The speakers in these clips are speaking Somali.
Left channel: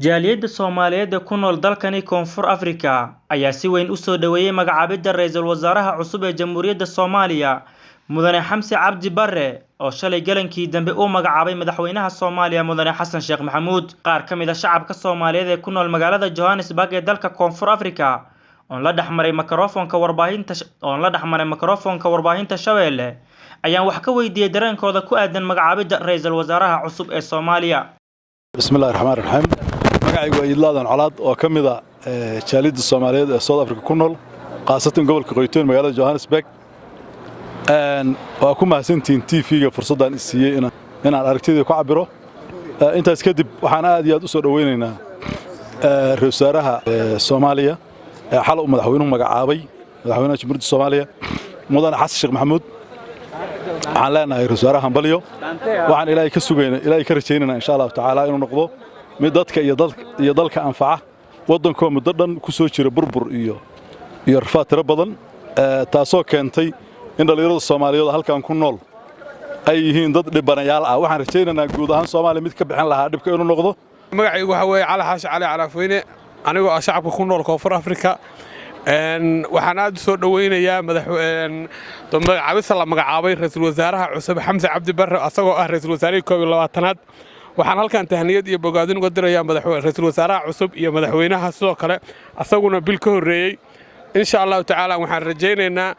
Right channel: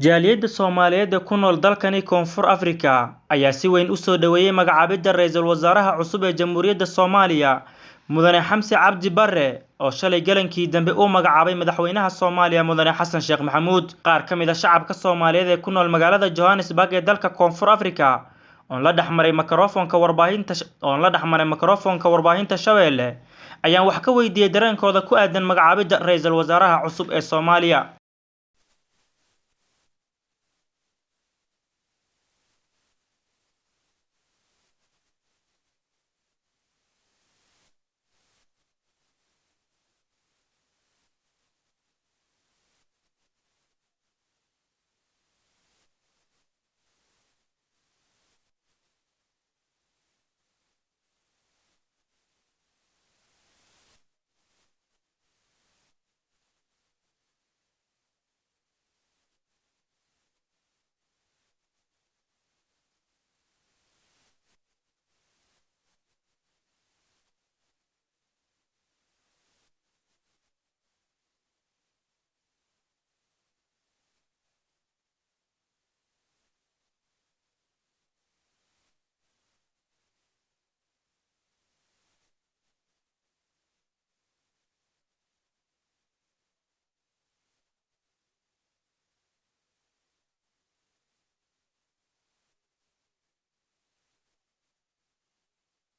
Jaaliyadda Soomaaliyeed ee ku nool dalkani Koonfur Afrika ayaa si weyn u soo dhaweeyay magacaabidda ra'iisul wasaaraha cusub ee Jamhuuriyadda Soomaaliya Mudane Xamse Cabdi Barre oo shalay galankii dambe uu magacaabay madaxweynaha Soomaaliya Mudane Xasan Sheekh Maxamuud. Qaar ka mid ah shacabka Soomaaliyeed ee ku nool magaalada Johannesburg ee dalka Koonfur Afrika oo la dhaxmaray makarafoonka warbaahinta Shabeelle ayaan wax ka weydiiyay dareenkooda ku aadan magacaabidda ra'iisul wasaaraha cusub ee Soomaaliya. Bismillaahi Raxmaani Raxiim. magacaygu waa Idlaadan Colaad oo ka mid ah jaaliyadda Soomaaliyeed ee South Africa ku nool qaasatan gobolka Qoytoon magaalada Johannesburg. waa ku mahadsantiin TV-ga fursaddan i siiyay inaan aragtidayda ku cabiro. intaas kadib waxaan aad iyo aad u soo dhaweynaynaa ra'iisul wasaaraha Soomaaliya xal uu madaxweynuhu magacaabay madaxweynaha Jamhuuriyadda Soomaaliya Mudane Xasan Sheekh Maxamuud. waxaan leenahay ra'iisul wasaaraha hambalyo waxaan ilaahay ka sugaynaa ilaahay ka rajaynaynaa insha Allah tacaala inuu noqdo mid dadka iyo dalka anfaca wadankoo muddo dhan ku soo jira burbur iyo rafaad tiro badan taasoo keentay in dhalinyarada Soomaaliyeed halkan ku nool ay yihiin dad dhibanayaal ah. waxaan rajaynaynaa guud ahaan Soomaaliya mid ka bixin lahaa dhibka inuu noqdo. magacaygu waxa weeye Cali Xaashi Cali Calaafweyne anigoo ah shacabka ku nool Koonfur Afrika. waxaan aad soo dhaweynayaa magacaabista la magacaabay ra'iisul wasaaraha cusub Xamse Cabdi Barre asagoo ah ra'iisul wasaarihii 22aad. waxaan halkan tahniyad iyo bogaadin uga dirayaa ra'iisul wasaaraha cusub iyo madaxweynaha sidoo kale asaguna bil ka horeeyay. insha Allah tacaala waxaan rajaynaynaa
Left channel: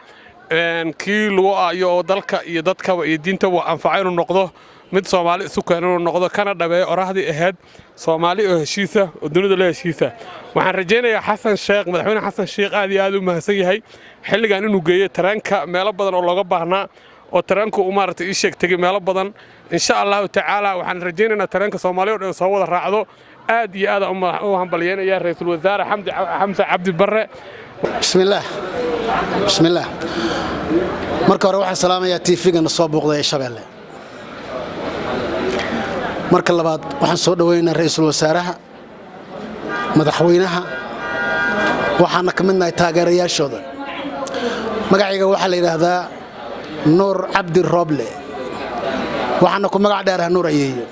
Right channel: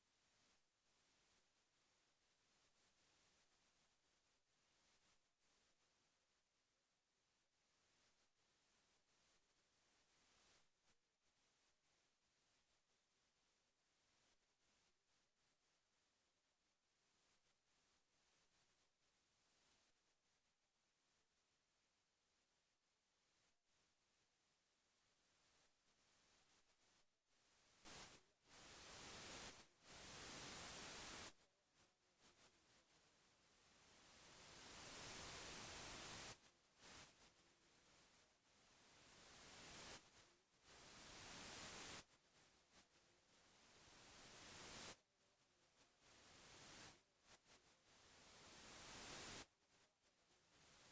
kii lagu aayo oo dalka iyo dadkaba iyo diintaba anfacay inuu noqdo mid Soomaali isu keenay inuu noqdo kana dhabeeyo orahdii ahayd Soomaali oo heshiisa oo dunida la heshiisa. waxaan rajaynayaa Xasan Sheekh madaxweyne Xasan Sheekh aad iyo aad u mahadsan yahay xilligan inuu geeyo taranka meelo badan oo looga baahnaa oo taranku u maartay sheegtay meelo badan. insha Allah tacaala waxaan rajaynaynaa taranka Soomaaliyeed oo soo wada raacdo aad iyo aad u hambalyeynaya ra'iisul wasaare Xamse Cabdi Barre. bismillaah marka hore waxaan salaamayaa TV-ga soo booqday Shabeelle. marka labaad waxaan soo dhaweynaa ra'iisul wasaaraha madaxweynaha waxaana ka midnahay taageerayaashooda. magacayga waxaa la yiraahdaa Nuur Cabdi Roble waxaana ku magac dheerahay Nuur Ayeeyo.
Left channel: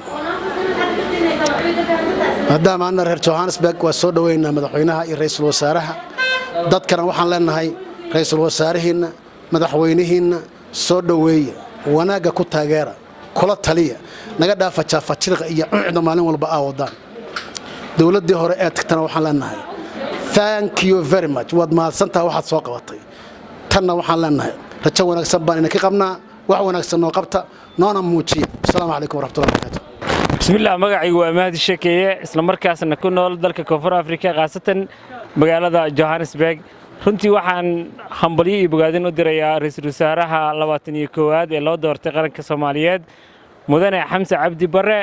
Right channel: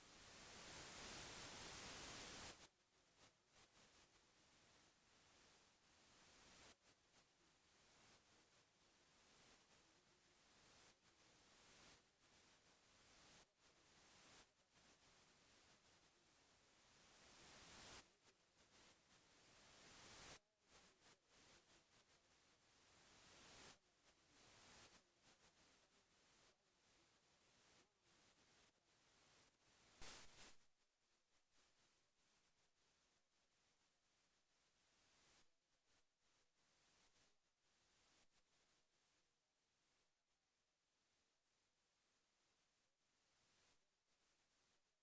maadaama aan reer Johannesburg waa soo dhaweynaa madaxweynaha iyo ra'iisul wasaaraha dadkana waxaan leenahay ra'iisul wasaarihiina madaxweynihiina soo dhaweeya wanaaga ku taageera kula taliya naga dhaafa jaafajiqa iyo cuncda maalin walba wadaan. dawladdii hore ee tagtana waxaan leenahay thank you very much waad mahadsantahay waxaad soo qabatay. tanna waxaan leenahay rajo wanaagsan baan inaka qabnaa wax wanaagsan noo qabta noona muujiya. assalaamu calaykum waraxmatullahi wabarakaatuh. bismillaah magacaygu waa Mahdi Sheekeeye isla markaasna ku nool dalka Koonfur Afrika qaasatan magaalada Johannesburg. runtii waxaan hambalyo iyo bogaadin u dirayaa ra'iisul wasaaraha 21aad ee loo doortay qaranka Soomaaliyeed Mudane Xamse Cabdi Barre.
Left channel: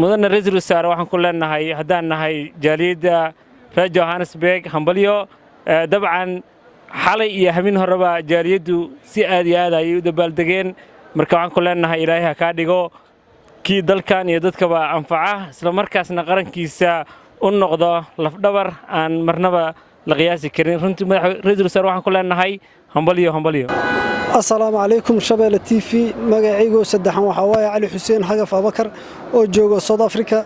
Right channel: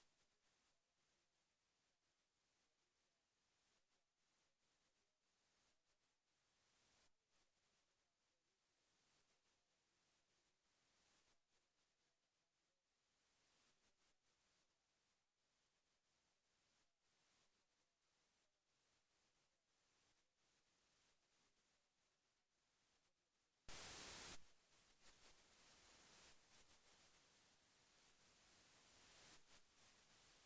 mudane ra'iisul wasaare waxaan ku leenahay haddaan nahay jaaliyadda reer Johannesburg hambalyo. dabcan xalay iyo habeen horeba jaaliyaddu si aad iyo aad ay u dabaaldegeen marka waxaan ku leenahay Ilaahay ha ka dhigo kii dalkan iyo dadkaba anfaca isla markaasna qarankiisa u noqdo lafdhabar aan marnaba la qiyaasi karin. runtii ra'iisul wasaare waxaan ku leenahay hambalyo. السلام عليكم شباب TV magacaygu saddexan waxa waaye Cali Xuseen Xagaf Abakar oo jooga South Africa.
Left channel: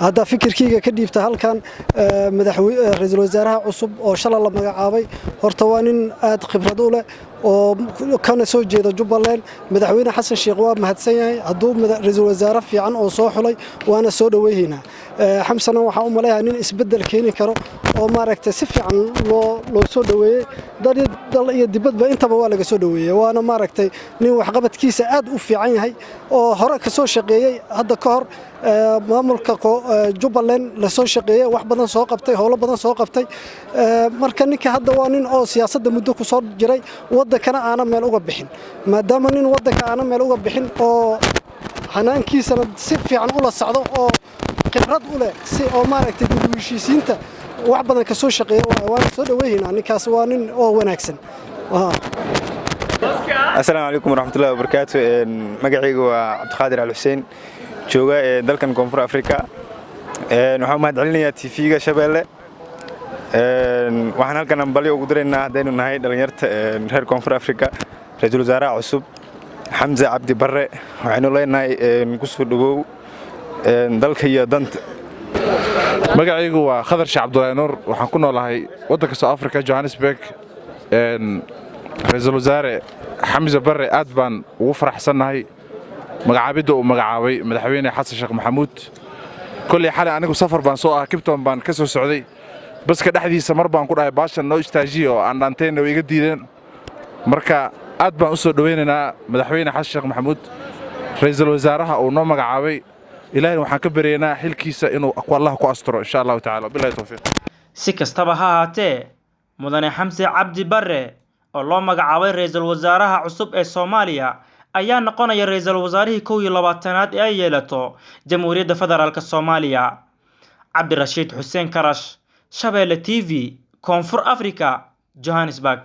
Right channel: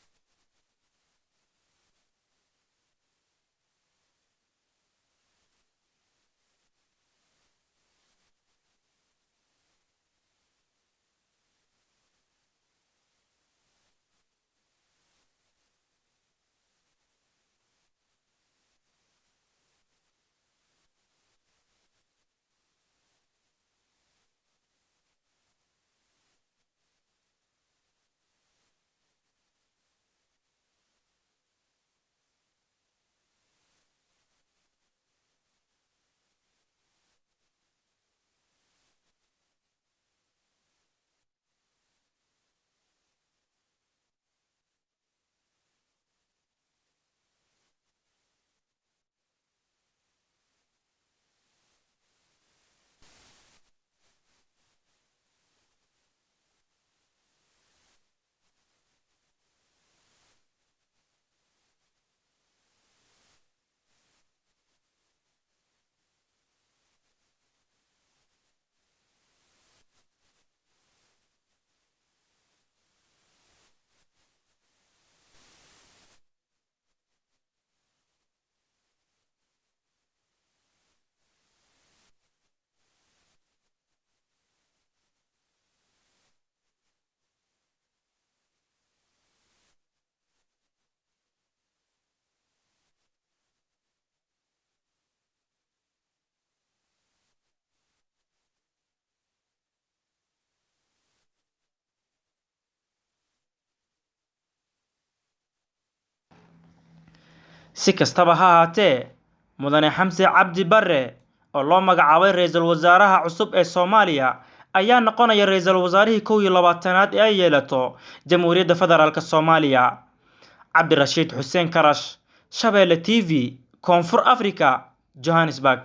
hadda fikirkeyga ka dhiibta halkan madaxweynaha ra'iisul wasaaraha cusub oo shalay la magacaabay horta waa nin aad khibrad u leh oo kana soo jeeda Jubbaland. madaxweyne Xasan Sheekh waa mahadsan yahay hadduu ra'iisul wasaare fiican oo soo xulay waana soo dhaweeyna. xamsana waxa uu maleeyahay nin isbedel keeni karo oo maaragtay si fiican loo soo dhaweeyay dal iyo dibadba intaba waa laga soo dhaweeyay waana maaragtay nin wax qabadkiisa aad u fiican yahay oo hore ka soo shaqeeyay hadda ka hor maamulka Jubbaland la soo shaqeeyay wax badan soo qabtay howlo badan soo qabtay. marka ninka hadda waa nin oo siyaasadda muddo ku soo jiray wadankana aana meel uga bixin maadaama nin wadanka aana meel uga bixin oo hanaankiisana si fiican ula socdo oo khibrad u leh si oo maaragtay heshiisiinta wax badan ka soo shaqeeyay waana soo dhaweeynaa ninkaas waa nin oo wanaagsan. السلام عليكم ورحمة الله وبركاته. magacaygu waa Cabdiqaadir Al Xuseen jooga dalkan Koonfur Afrika. waxaan mahadcelinayaa TV-ga Shabeelle. waxaan halkan hambalyo ugu diraynaa hadaynu nahay dhalinyarta reer Koonfur Afrika ra'iisul wasaaraha cusub xamse cabdi barre waxaynu leenahay ku soo dhawow dalka iyo danta. magacaygu waa khadar sheekh cabdullaahi nuur waxaan ku noolahay waddanka South Africa Johannesburg. ra'iisul wasaare xamse barre aad baan ugu faraxsanahay magacaabidda uu magacaabay madaxweyne xasan sheekh maxamuud. kulli xalay anigu safar baan soo ah Cape Town baan ka soo socday baska dhexdiisa mar baan ku dhahay baashan noo istaajiyo aan dhaanteena way iga diideen. marka aad baan u soo dhaweynaynaa madaxweyne xasan sheekh maxamuud ra'iisul wasaaraha uu noo magacaabay. ilaahay waxaan ka baryaynaa xilkiisa inuu Allah ku asturo insha Allah ta'ala billahi tawfiiq. si kastaba ha ahaatee mudane xamse cabdi barre oo loo magacaabay ra'iisul wasaaraha cusub ee Soomaaliya ayaa noqonaya ra'iisul wasaarihii 21aad ee ay yeelato Jamhuuriyadda Federaalka Soomaaliya. Cabdirashiid Xuseen Karash, Shabeelle TV, Koonfur Afrika, Johannesburg.